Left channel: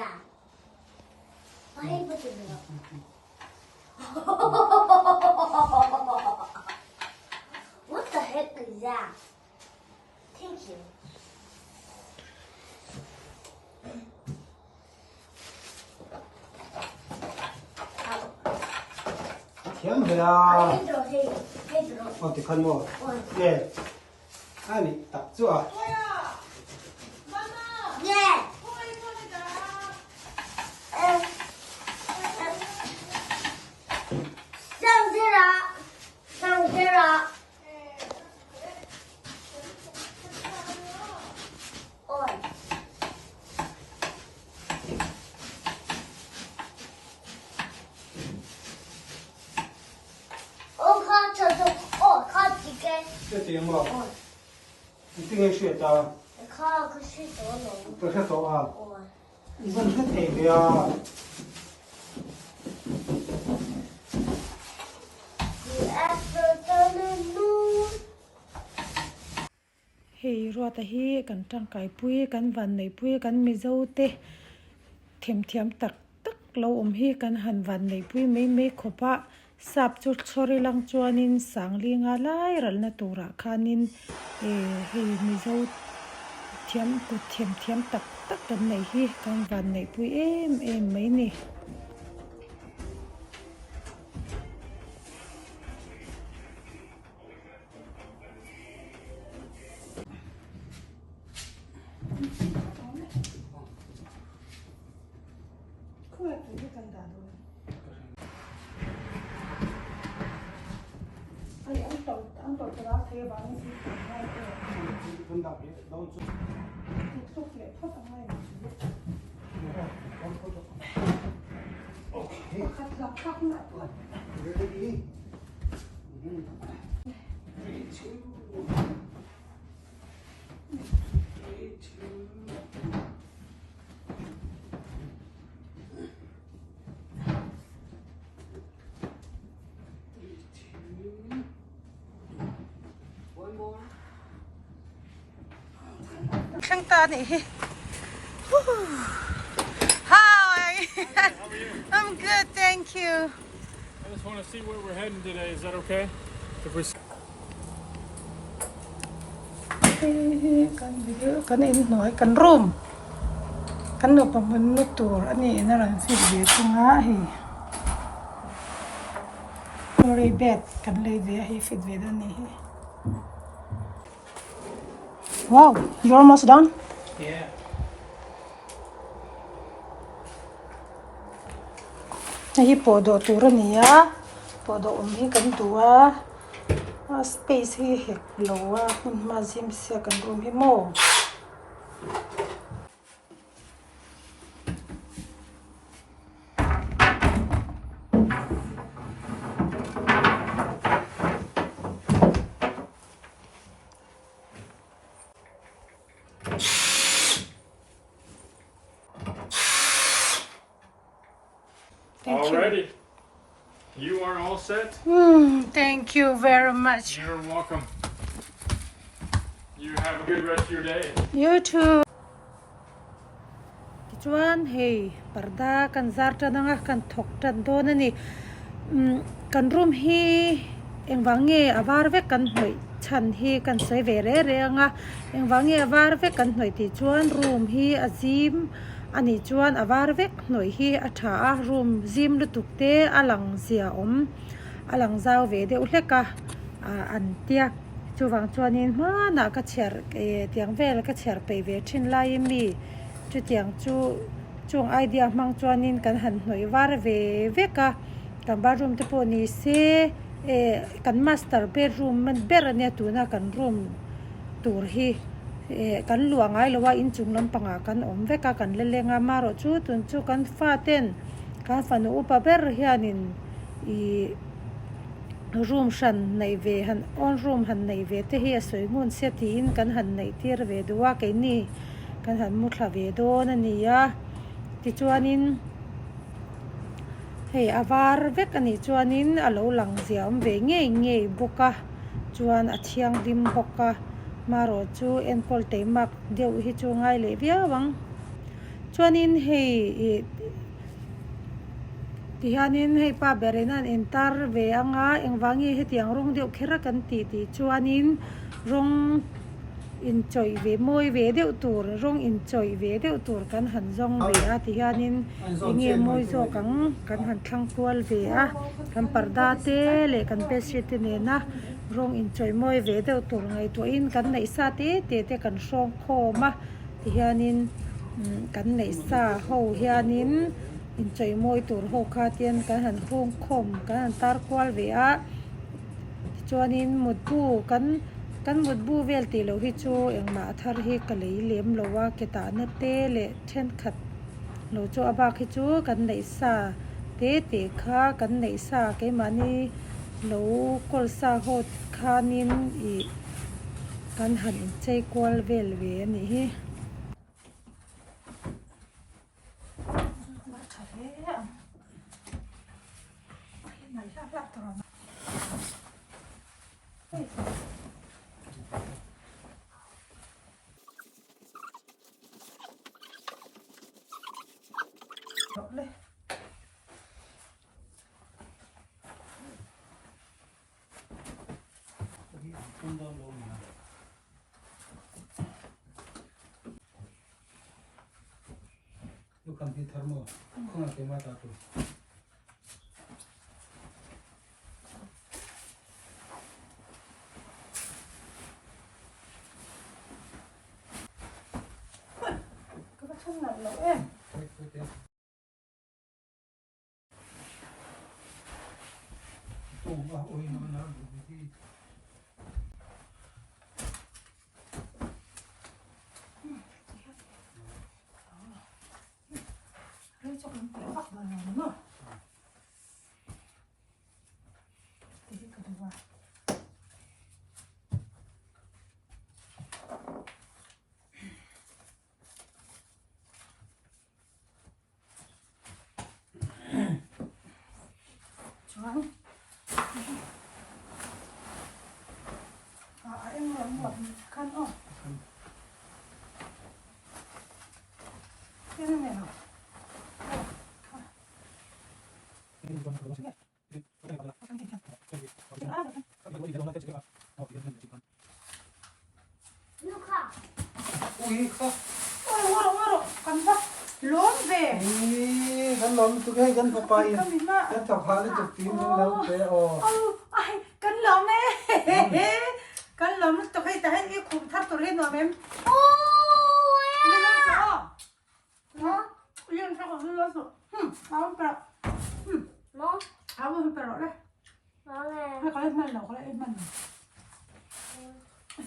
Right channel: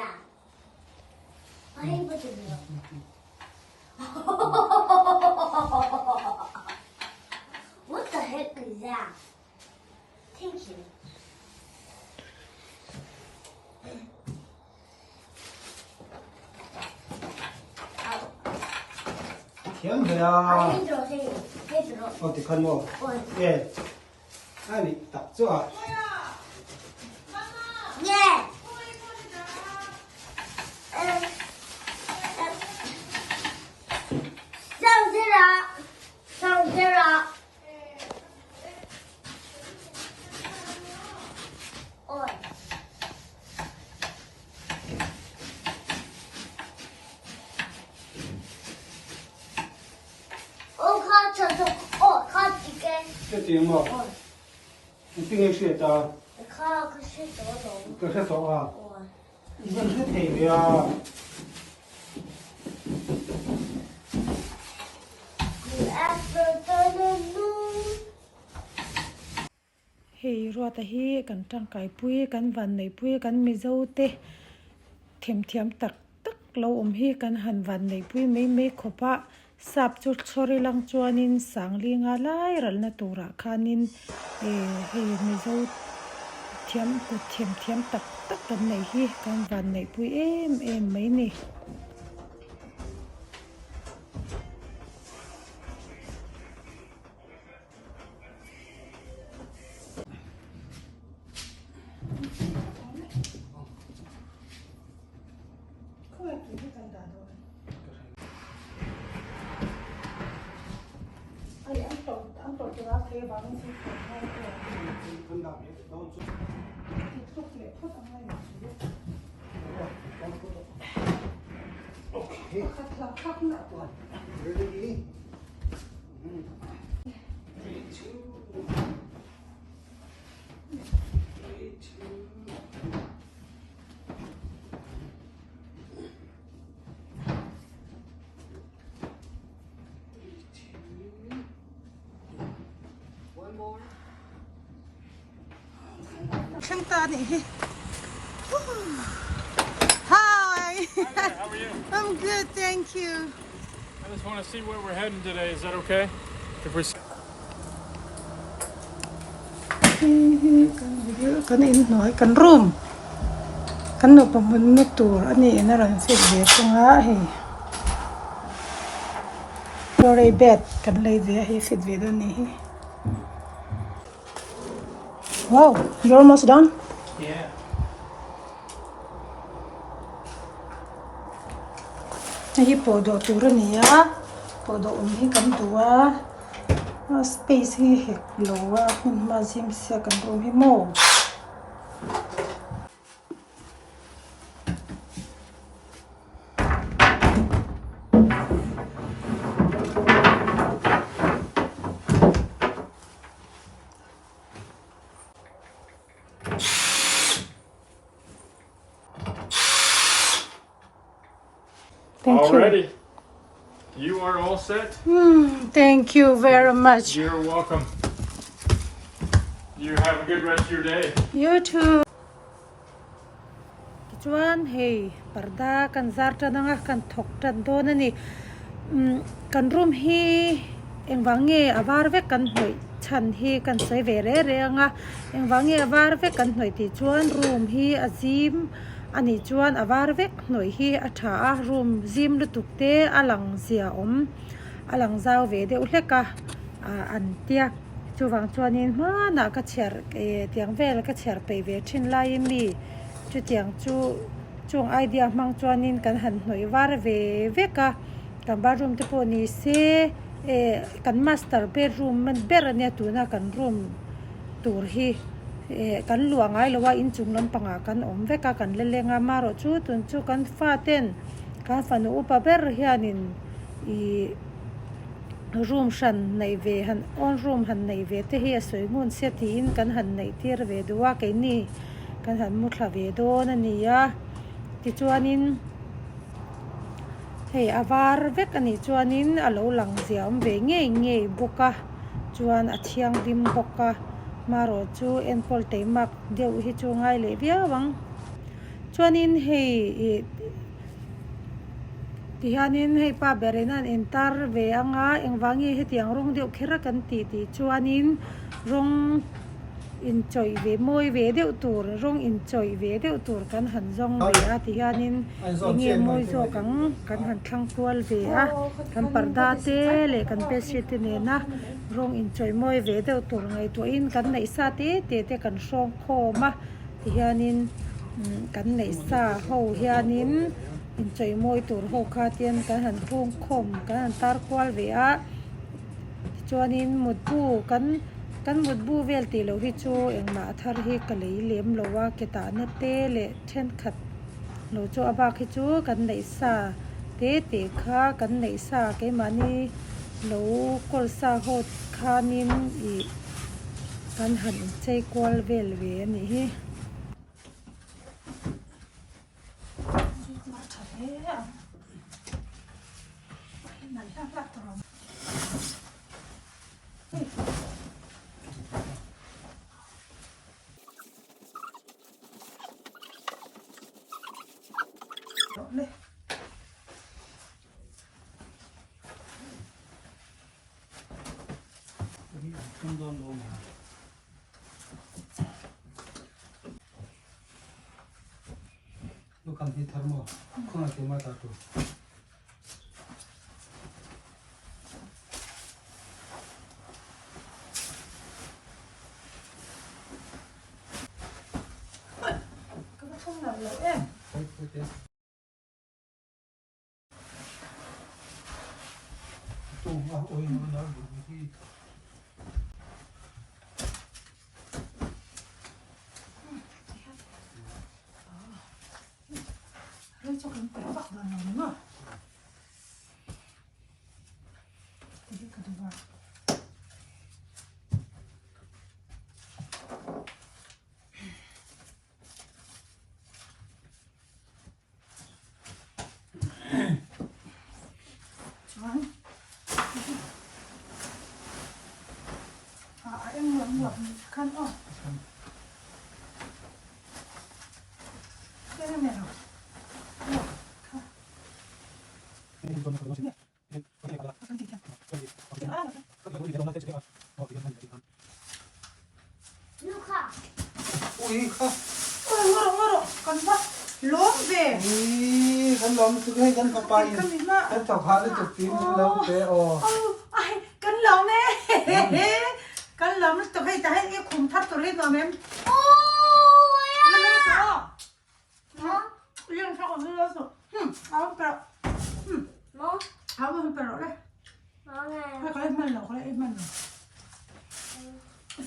that? What is it? What the heck is that? Thank you. Thiếm về thì con mua yeah anh đi tập chưa Yeah. Sao thế ạ? Ôi. Ô con chờ chờ. Ô con几根？ 这题目你这个是的你看到个是什么龙？这是走啊我。已经是对了 hei ruata hi kan tangkai pui kan van nei pui kan mi zo te thiam tak tak lo hi kan han van nei pui mei khopa sap chu chori lang chuanin sangli nga lai ral na tura khanin hei mi zo thiam tak tak kan nei hi kan van nei pui em mai ni anh tổ cho nó thế bán thì phải không đọc hết đâu chút thì thuốc lệ thuốc ở ngay ok khắc lại tuổi ready khang ta này hi hi How are you? I'm good thank you I just want to see where we're heading today. Is that okay? If we're kan in nói kan room kan no pamun no tur ani na ran fit ve chunga hi lori bed kan lei ve hi fit ve do ni hi wow you're almost done yeah hi podo tur ani ya podo hi kan tua space hi hek lowa ma sim se kan room hi mo Thank you. Alrighty. You are all set. Thank you very much. You're welcome. You have a good rest of your day. You too. Chuan hey parda kan zarta nanga kan thok tan do na ni kan room hi engwange avar ve kan hnoi chan hi kan sei ve re anga engwange avar ve kan hnoi ti chuan room hi azim ani chuan avar vek hnoi hi atha a room zim lutukte alang zia alang zau ve de uhleka an tia chuwang chuanin na ka cher tiang vel ka cher pe ve thin lai mi chu tiang chu chung idea mang chuanin kan han hnoi war ve veka kan ba room te poni se kan master bedroom man ber ania tuna kan room tur hi kan luangai lowa in chung lam panga kan om veka kan lelenga maro chu tun chu kan fa ten kan fa no upa ber hianin I room shan nei ve han on room han nei ve te hi soi ngun se tin kan han nei tir ve duwa ke ni kan han mu thla ve do na ni ya ti chuanin hei avar vek ani chuanin alo lang ziam ve nge buka chuan a thiang dim boka maro chu enpol teimak deu hi chu ngai le bia wang chuanin hei tihanin hei pa berenan entar ve anga engwangi hetiang rong deuh khera kan ti chuanin rong in choi ve moi ve deuh tur rong in choi ve deuh tur kan han zong ve a tihanin enge moi zo kan han thlang kual ve a kan parda te le kan bedsheet ne na rong in choi moi ve deuh tur ngai to in kan nei sa te kan song khoma tihanin kan nei sa ho hianin in choi moi tur ho kha tian kan han hung khom kan han tar kwal ve a chuanin mutbu kan mutbu vel ti lo hi chu engma thar hi ka lei lem lowa ke ta na te le then khat lo chu aba khi chu kan nei sa te kha kan nei sa ke mani lo kol sa ho khanin I kan han in chei kwal vel ve ni hi kan ti tharmo khona ke ma ta tu ka thong na lo em tu wa oi no na du hi rồi cho con bé bắt vào lòng nữa thì cái đó vào choáng em muốn khăn không cái này nào Luca. ui kha ôi con bắt lốm về kan lom tu ke kan pa pa in kan ta kha le tu tin lo te o ai con lốm ấy con lốm tụi hay ta hay cái khum thắt tụi hay lốm em Oh, nó liên sao còn nó rồi áo bẹo Mo, áo bẹo đấy mo nghe. hay có lên nào có lên em nào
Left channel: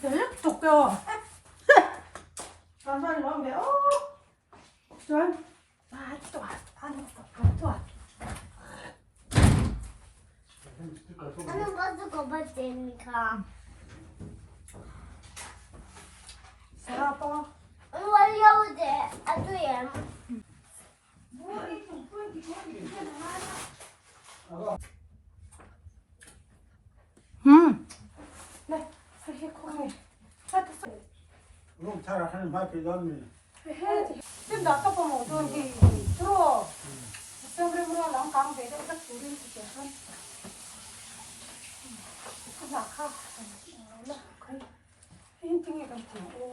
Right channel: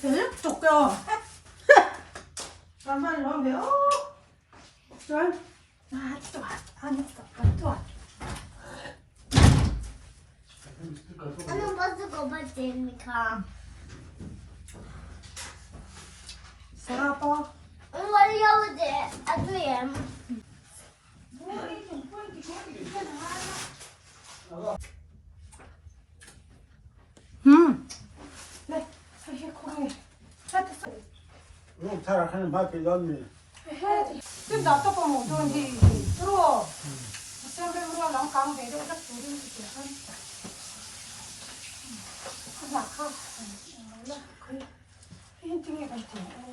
phải lấp chục cơ làm sao nó béo rồi ăn toạt Ano ba ito ko ba din, Mika? sarap po Ano wala ako din? Ato yan. đây hay có hay hết ro thara khan ma ke don ni hết tiếp đó tao có một đôi thì rồi xem đây mua lóng cam về đâu chắc chú đi thì trẻ hơn không mặc không là cái tiếng này còn tiếng ô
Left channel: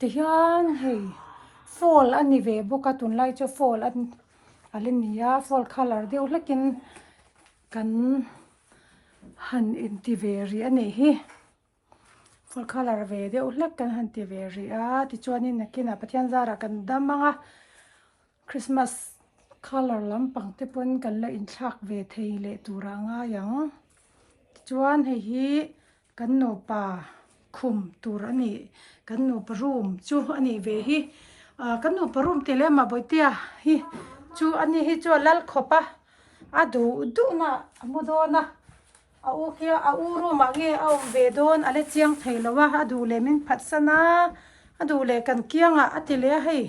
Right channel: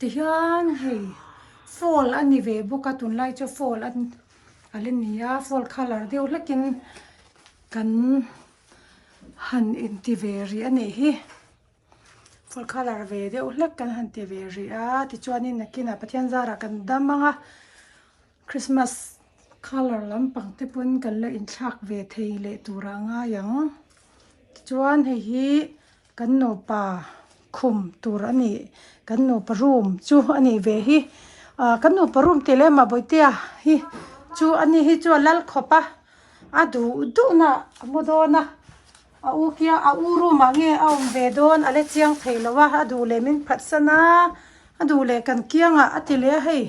tiyan hey fall ani ve boka tun lai cho fall an alenia fall color deu lekin kan han in ti ve ri ani hi fall color ve deu lek kan han ti ve ri a ti chuanin nakina pathian zara kan damanga Christmas color lampang te pon kan la in thak ve thei le turanga yang ti chuan hei hi kan no pa khum tur ani kan no parum chu ani ve hi kan no parum tele ma boitia hi chu ani hi chu lal khopa adu du na modona a u kia a u ru ma nge a ve don ale chiang theilowa adu le min phatsana adu le kan kianga atile hei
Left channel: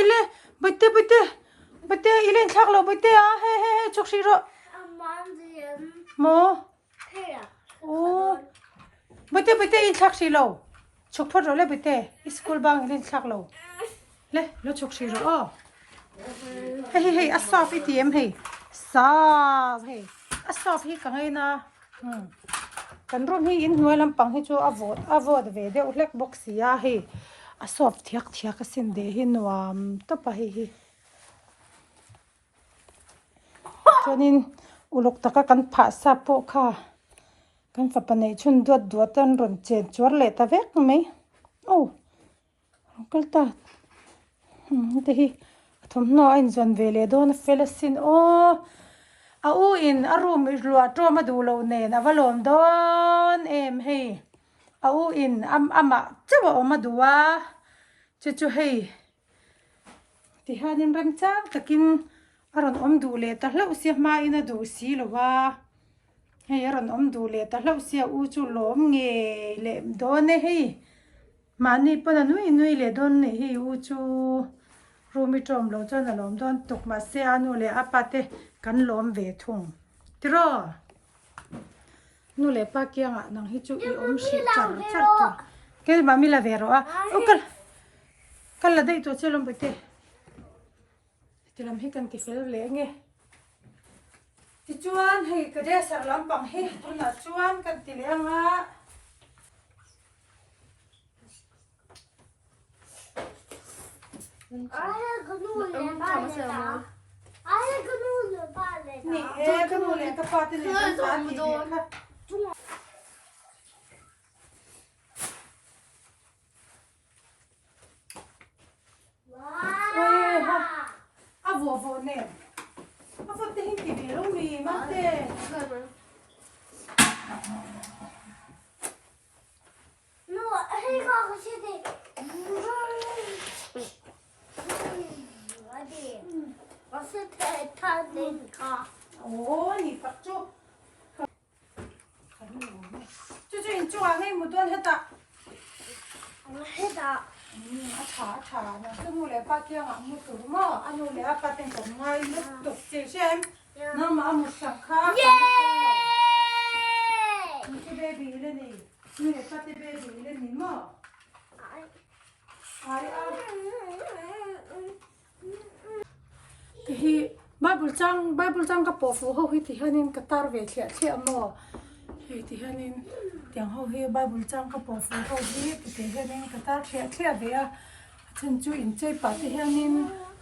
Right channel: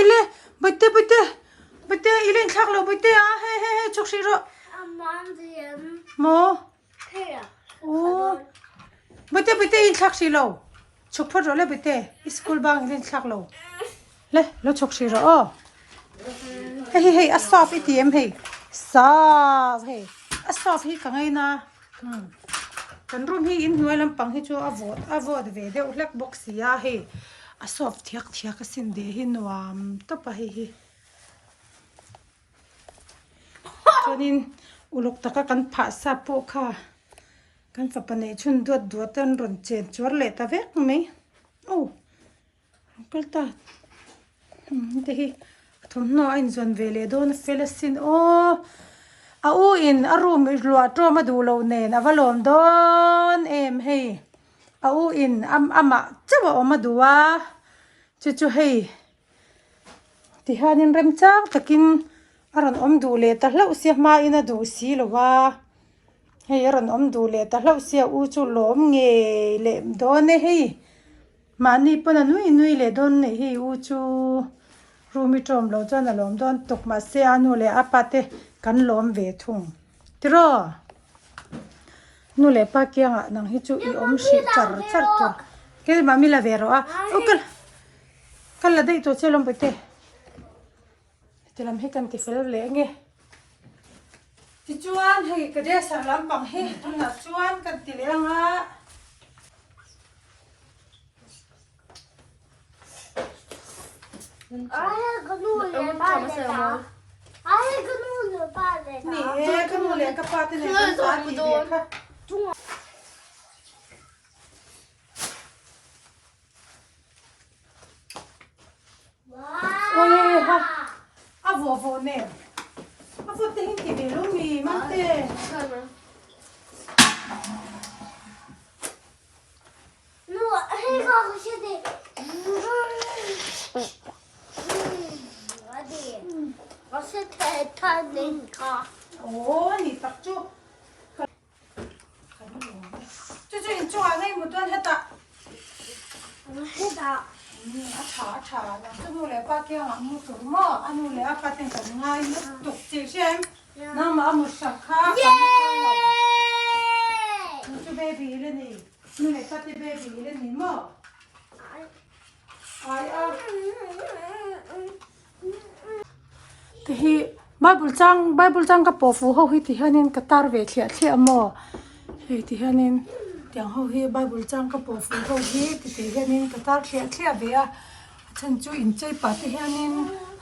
ile bite ile thak lo bite a he chok shi ro mo o bite in thak shi lo chok phot ro le bite school bang ile thak lo le lo chok shi ro o hey asaf itm hey saf hey asaf hi ka ngai na kan rum hi in hnuai lampang hi chu avod ve deuh hlek box ya hi asaf thiak a sin de hi nuam to pa hi chuanin uluk taka kan pha sa po kha kan fa panei chun duat tan ron chen chor le ta vek me o kal ta te hi thom no in zon vele don felesin o a u in a room lua to ma du lo nen avalom don em hei a u in ama chawa ma duwa chu hei ti hanin rem chang takin aron om du le ta hlau sia ma ina du si lowa hei aron om du le ta hlau sia u chu lom nge le don ne hei mani pona nui le don ne hei u chu rumi tom lo chan alom don tok ma se anu le apate kan lom ve thung tiro nu le pa kyang nang hi chu i om shi char ke ma mi la vero a okal kal la dei to chelom bete telam he kan ti fel le nge ti chuan hei ka de sar lam pang he na chuan kan ti le nga ni ka nu le ka pa ti ne kan pa ti ve ka oi ha avo ne avo te hin ti ve lo mi ma te ô ni tak chu in chu a nei mu don heta a tha na chu nu le pa kya nga mu tur mo anu le apa ten kan ngai mu tuk che shem na ma mu shakha nu chu baby le ni nu le pa ti baby le ni mo ai a hi Bible chang ka pofu ho hi ti hanin ka tar ve thlia mo hi ti hanin tiang ho hi Bible chang ka pofu ho hi ti hanin ka tar thlia ve a chan chu in chei pa ti hanin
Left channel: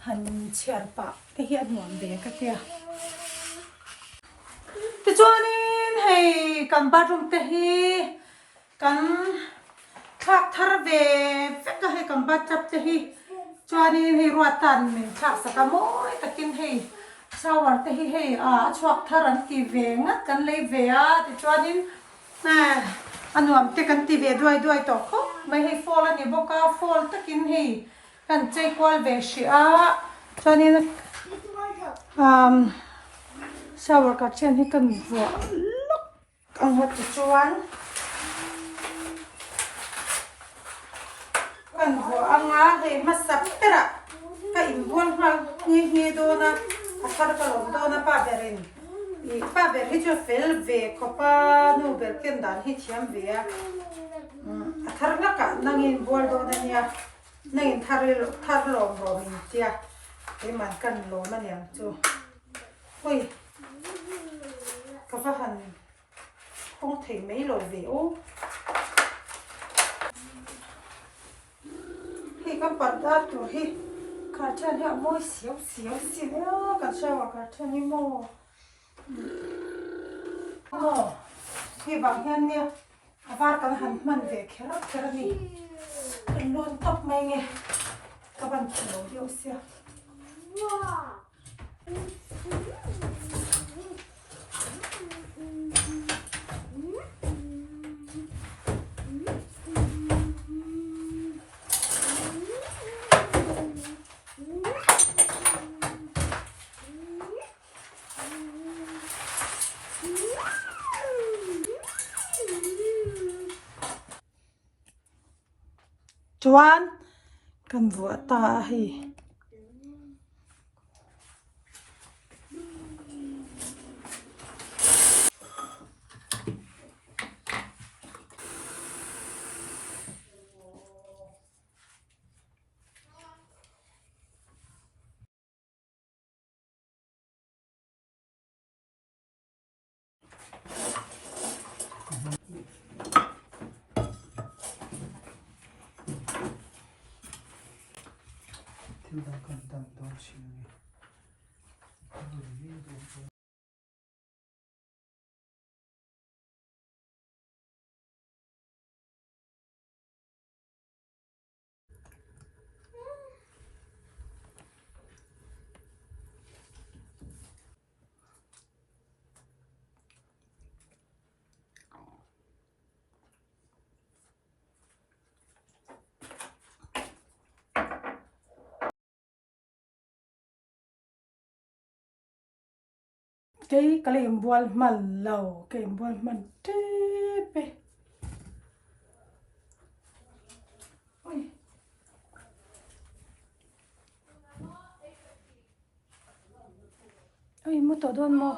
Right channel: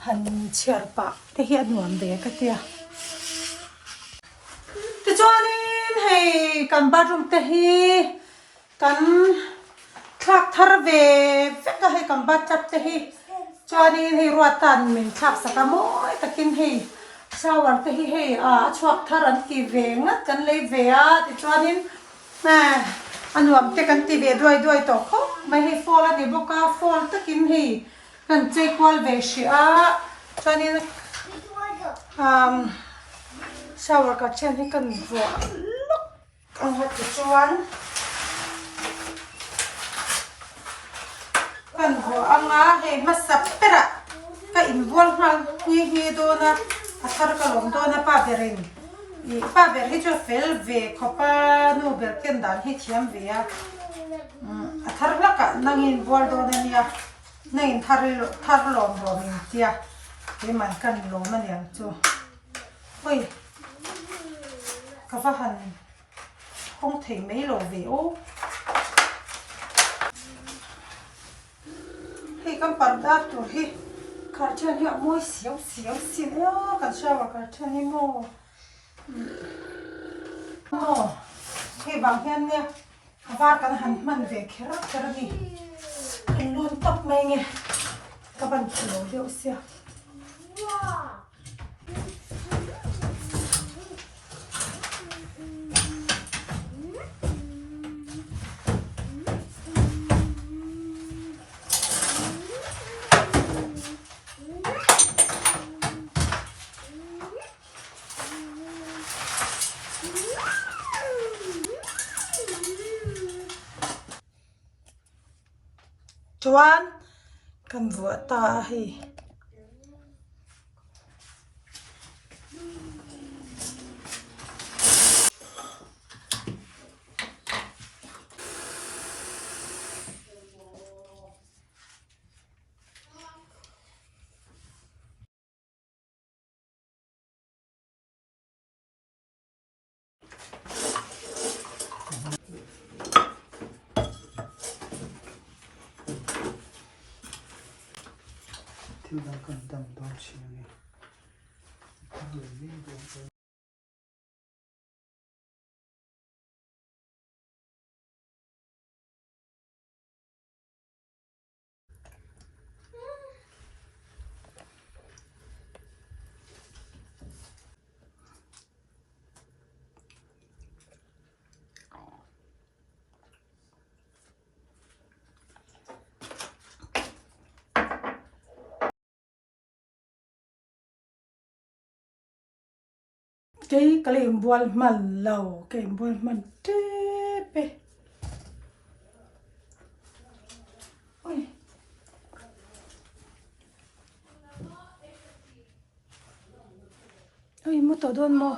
han chiar pa te hi nuam ve ka tia ti chuanin hei kan bathroom te hi kan thak thar ve ka hei kan bat chap te hi chuanin hei ruatan min thak saka moi takin hei shower te hi hei a chuak thar an ti ve ngat kan lei ve a ti chuanin anuam te kan ti ve duai to kho mai hei fall ani boka fall takin hei kan chei kwal ve shi a chuanin shower ka chen hi kan vua luk ang hat chuan kan ho anga hei masap pera ka involve ngal hi do na athar ka lom do na pa berin i pa ber hi jo fel ve khopa nu ber ken dan hi thiam ve a athar la ka nangin bol do na nia nangin thar lom bo min tia he man kan lo ma niang chu hoi ka fa han không thể mấy lo ve o hei kan parda tur hi karchan hi moi siau sin ya kan shawa karchan hi mo hei bang hian nia avar kan han man ve khera ni kan lon tap mai nge ka ban khlo deu sia chuan kan vua ta hi thil dang kan dam ba chi ni thil vi do cái em buồn mà lâu cái em buồn mà tê ôi ôi mua tổ đôn mua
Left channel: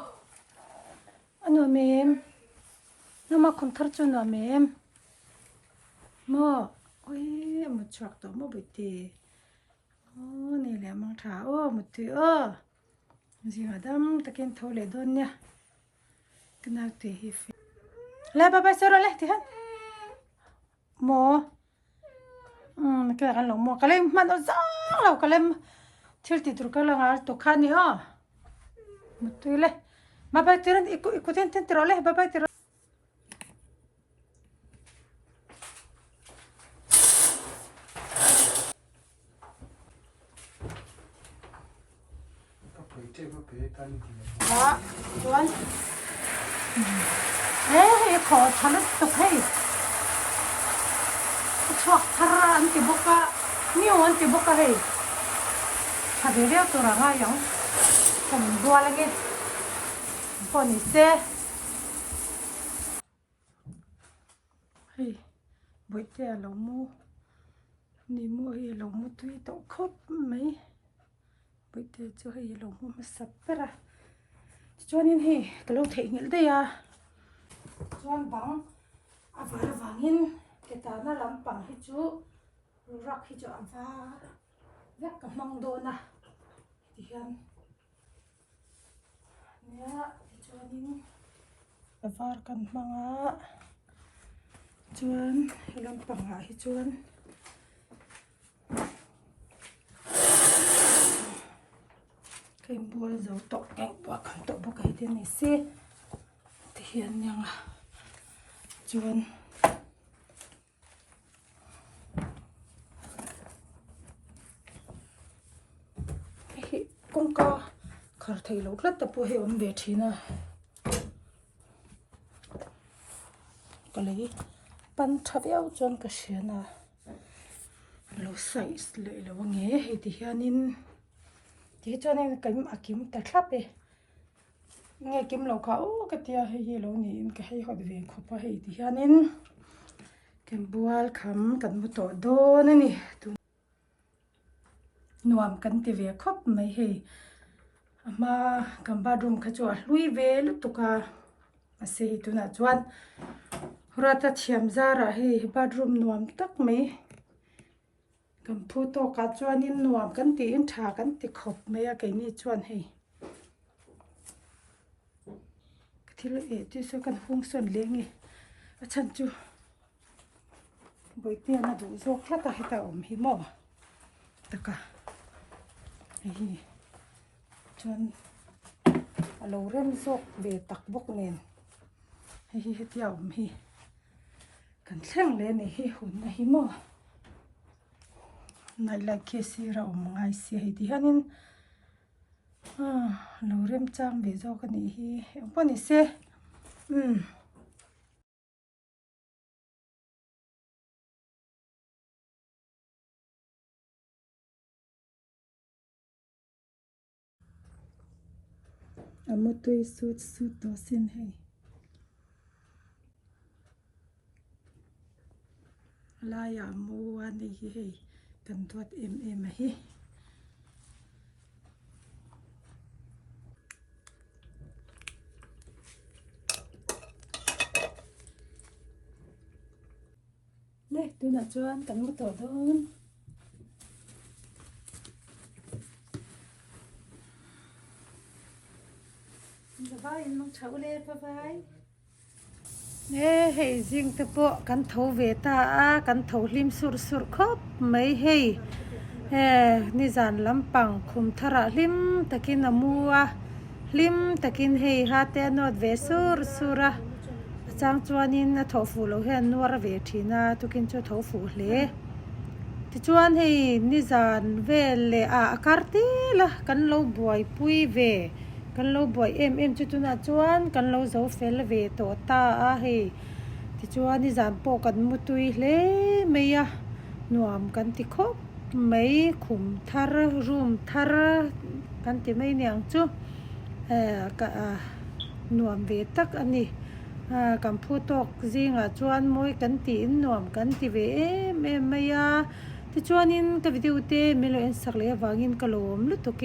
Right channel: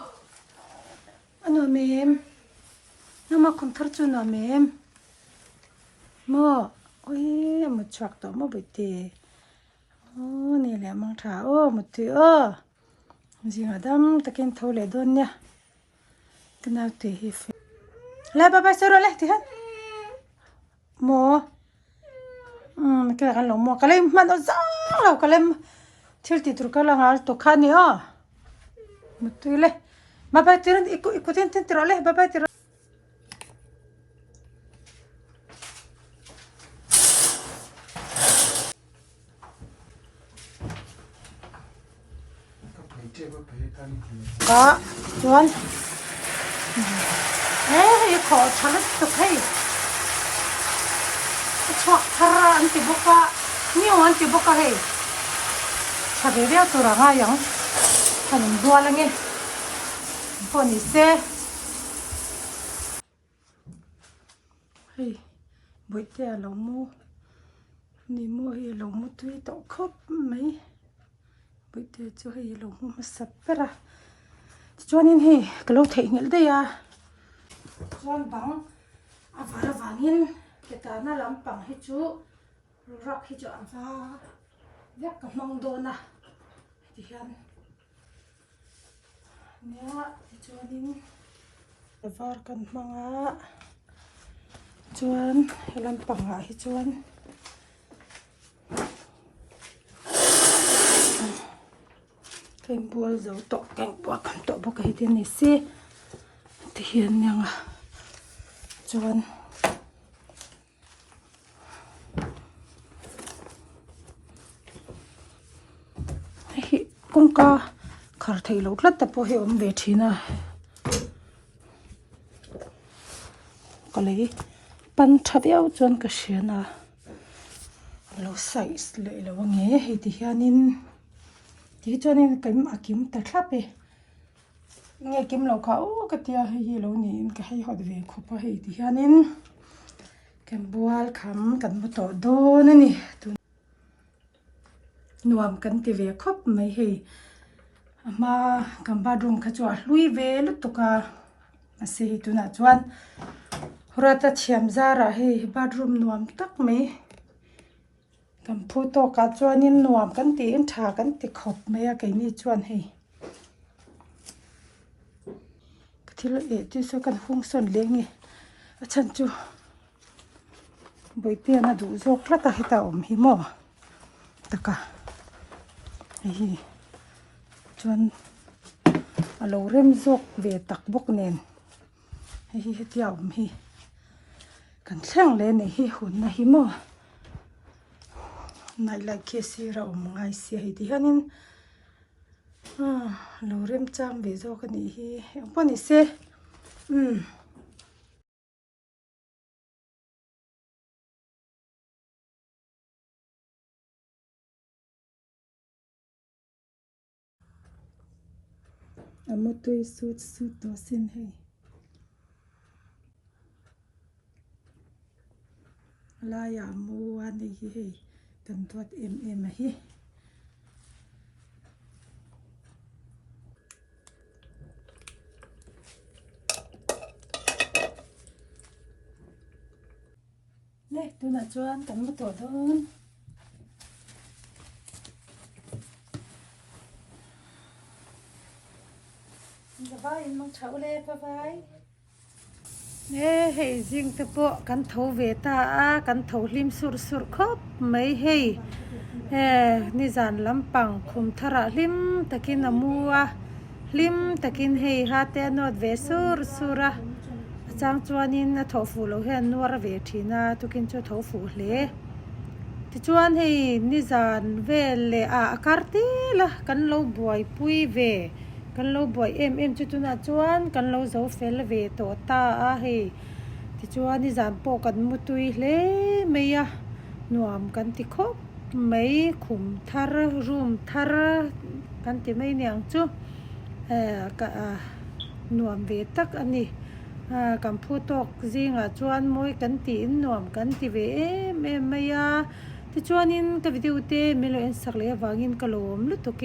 anh mềm nó mà không thắt cho nó mềm mua ôi một chọc tổ mua bự tê ô này là mang thả ô một thứ gì mà đâm ta kén thâu lại đôn nha cái nào thì hi lại bà sao rồi lại thì hết mua cái này là mua cái này mà nó răng rồi cái này thiếu thì tụi cái là ngal to khăn nữa một thứ này mà bà tiền ikut tiền rồi lại bà tiền đó chuẩn ê khó chả lắm tục hay chọc thà anh thì bốc cả nhiều anh thì bốc cả hay chả biết đâu tôi ra ngay yang chả mình đua là nghe còn ý xe hay buổi tiệc lâu mua đi mua hay lâu mua tươi tao khóc mấy buổi tiệc cho hay lâu mua mà sắp ra cho nên hi cái lâu thấy nghĩa đây à cho bằng à vợ vangin cái ta nó làm bằng hết chú rắc hết cho và việc cái mong đồ na thì hiện nè cho nên var kan manga chuan làm bằng hết chuan cái bùa dấu tổ cái bùa cầm tổ bùa cái tiền này xí thì hiện nhang à chuan cũng có khởi thấy lốt lất tập bùa hiệu về thì na có lấy pan tháp eo chuan cái xiên à lâu sai lại là nghe hay thì hiện thì cho nên cái mà kiếm ta tháp ấy nghe kiếm lâu khảo cái tia hay lâu nên cái hay họ về khoa hay thì nên cái bual khám cần một tổ đô nữa nè nuam cần thì về khóc mấy hay mà cầm ba room cái chỗ lui về lúc tụi cả mà sẽ tụi nó chuan rồi ta chém ra ra hay ba room nuam tắc mấy cầm phu to cá chuan in nuam cần thì in thà cần thì khóc mấy cái này chuan hay thì là để tôi sẽ cần phun sơn lên nè chân chú bởi tiền là đủ dốc rất là hết tàu hi mò tất cả hi chuan alo rem dốc về tắc bốc nền hi hết tàu hi cần sang lên này hi hồn này hi mò này là kia xí ra ngay xí hi thì hanin lâu rem trang về do cái này hi ông bọn này xe một tuổi sút đó xin hay la ya mua anh đi hi cần tuột em hi nè tôi là cho anh cần một tổ thôi giờ vai mong cháu lên vai nè hay riêng tập bộ cần thấu về ta cần thấu lim sur khóc mấy hay นี่จานลำปังคุมทระลิมตะกินมัวลิมตะกินเฮฮาเตนอดเวสุระจางจวนนินทอฟูโลเฮนนัวระเวทีนาตุกินจูทอฟูเลที่จวนให้นิจานเวเลอาการตีละกันโลบวยปุยเวกันโลบวยจุตุนาจวนกันโลโซเฟลเวโตตาอาเฮที่จวนนิจานโปกันมุตุยเลเมียนวมกันติคบไม่ขุมทาร์รูมทาร์กันติไม่เนียงจูก็นวมเวตักอันนี้กัมพูตกจิงจวนมวยกันตีนวมกันติเวเมียที่จวนนินกับวิดีโอเตมิโลอินสักเลวางินกลมลุตุเก